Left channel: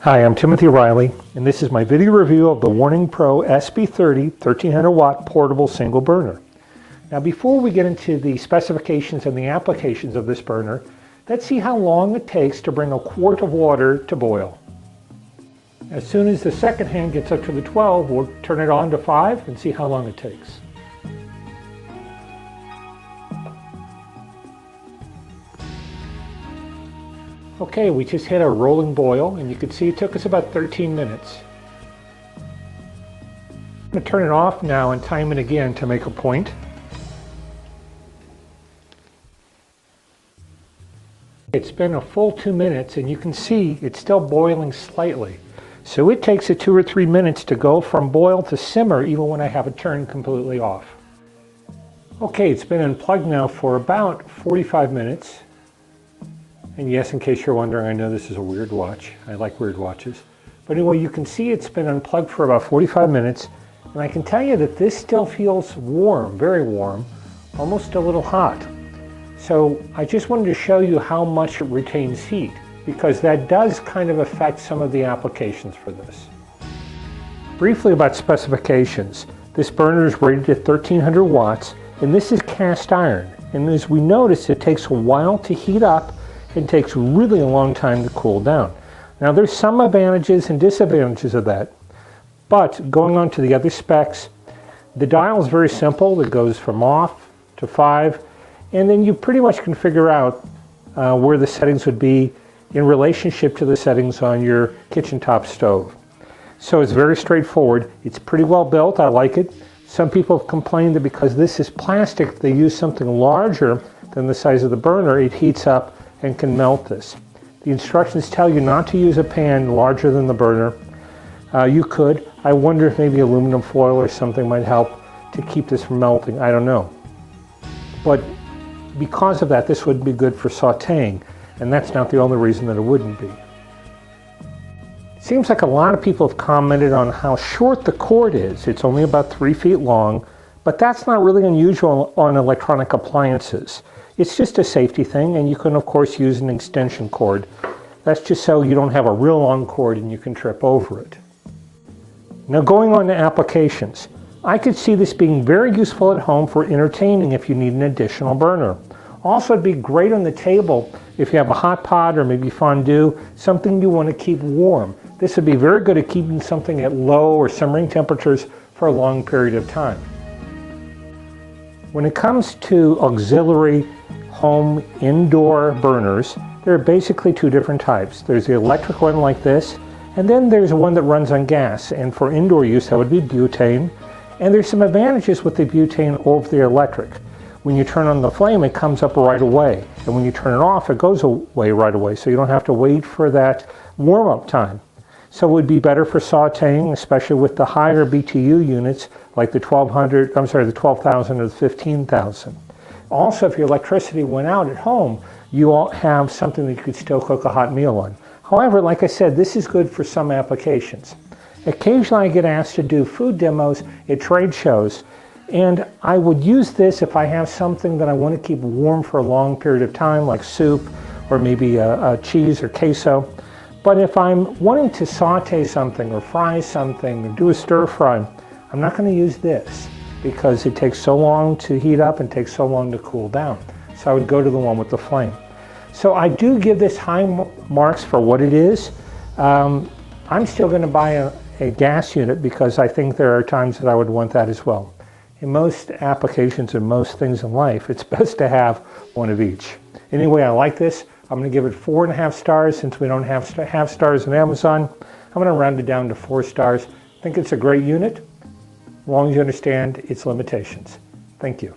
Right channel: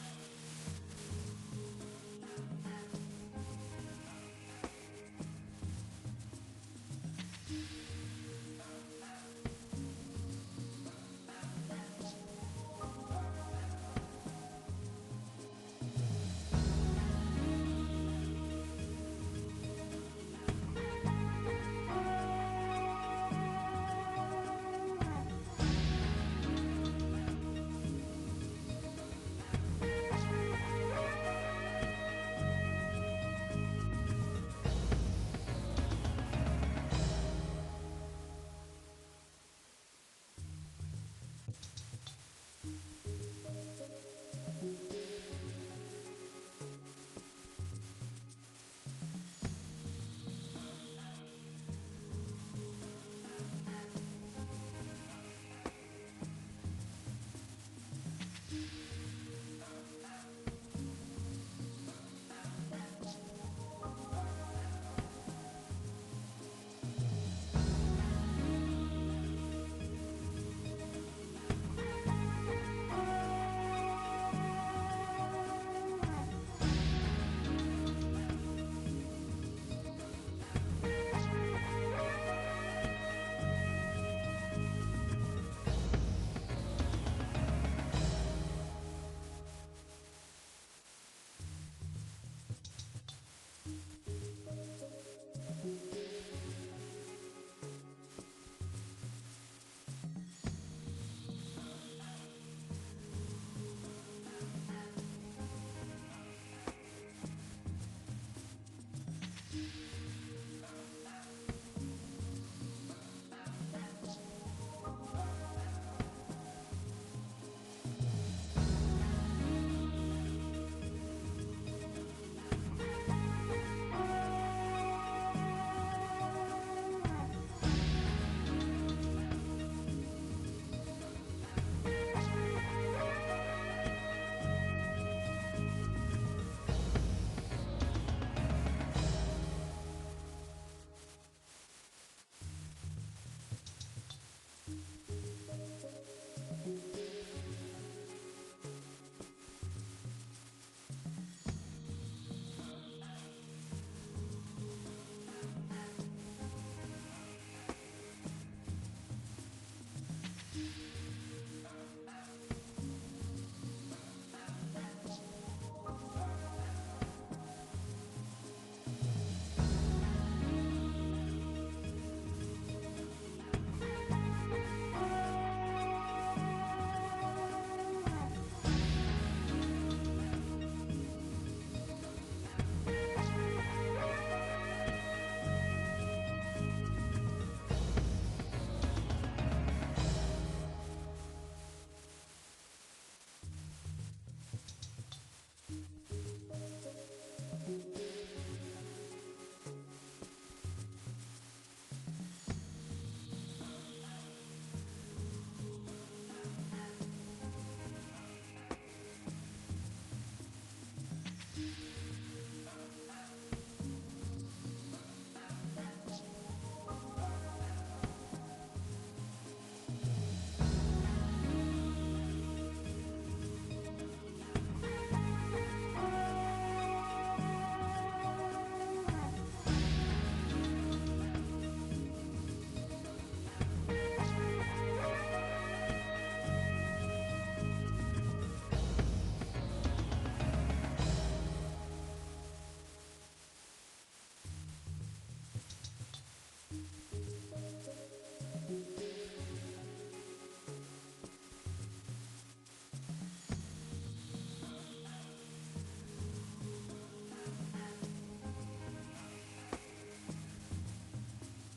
Hi, I'm Timothy Riley, and this is my video review of the Warning Pro SB30 1300 watt portable single burner. Now before we get into the specifications and the applications of this burner, let's see how long it takes to bring a quart of water to boil. As soon as the second hand gets up to the 12, we'll turn it on to 5 and see how long it takes. Okay, we just hit a rolling boil, and you can see it took us about 13 minutes. I'm going to turn it off now and time it again to make a point. It's been a full 2 minutes, and you can see it's still boiling slightly. So it takes it 2 or 3 minutes to go from boil to simmer, even when I have it turned completely off. Okay, it's been unplugged now for about 45 minutes. And yes, in case you're wondering, I know this is a weird watch. I like weird watches. But anyway, you can see it's been unplugged for about 45 minutes. And I can tell you that this still feels warm, very warm, almost a little hot. So I just wanted to show you how much it retains heat, because that does kind of affect some of the applications for this. Briefly about specifications. This burner is rated at 1300 watts, and this is cast iron. And as we notice, it takes a while to heat up. It takes really a long time to cool down. Now there's some advantages and disadvantages of that, but going on to the other specs, the dial is very simple. It goes from off to 5, and then you pretty much can figure out where the settings would be in relationship to the settings on your kitchen top stove. So it's very straightforward. It's pretty well built. I like it. Some people have complained that because this is plastic, they use something larger than the size of the burner, it heats up and can melt this. The instructions tell you not to use a pan larger than the burner. You could. I wonder if maybe aluminum foil or something might help to keep this from melting. I don't know. But because of that, this would be good for sauteing, and that's not the only reason that it wouldn't be. It seems like a lot of people have commented on how short the cord is. It's only about 3 feet long, but that's not really unusual on electronic appliances. It's just a safety thing, and you can of course use an extension cord. That's just so you don't have a real long cord and you can trip over it. Now going on to applications. I could see this being very useful at home for entertaining if you need an additional burner. Also, it'd be great on the table if you have a hot pot or maybe fondue, something you want to keep warm. This would be very good at keeping something at low or simmering temperatures for a long period of time. When it comes to auxiliary home indoor burners, there are basically 2 different types. There's the electric one like this, and then there's one that runs on gas. And for indoor use, that would be butane. And there's some advantages with the butane over the electric. When you turn on the flame, it comes up right away. And when you turn it off, it goes away right away. So you don't have to wait for that warm-up time. So it would be better for sauteing, especially with the higher BTU units, like the 12,000 or the 15,000. Also, if your electricity went out at home, you all have something that you could still cook a hot meal on. However, like I said, this is good for some applications. Occasionally I get asked to do food demos at trade shows, and I would use this if I have something that I want to keep warm for a long period of time, like soup or maybe a cheese or queso. But if I'm wanting to saute something or fry something or do a stir fry, I'm not going to use this because it takes so long to heat up and takes so long to cool down. So I would go to the one with the flame. So I do give this high marks for what it is. I'm still going to buy a gas unit because I think there are times that I would want that as well. In most applications and most things in life, it's best to have one of each. Anyway, I like this. I'm going to give it 4.5 stars since we don't have half stars on Amazon. I'm going to round it down to 4 stars. I think it's a great unit, as long as you understand its limitations. Thank you.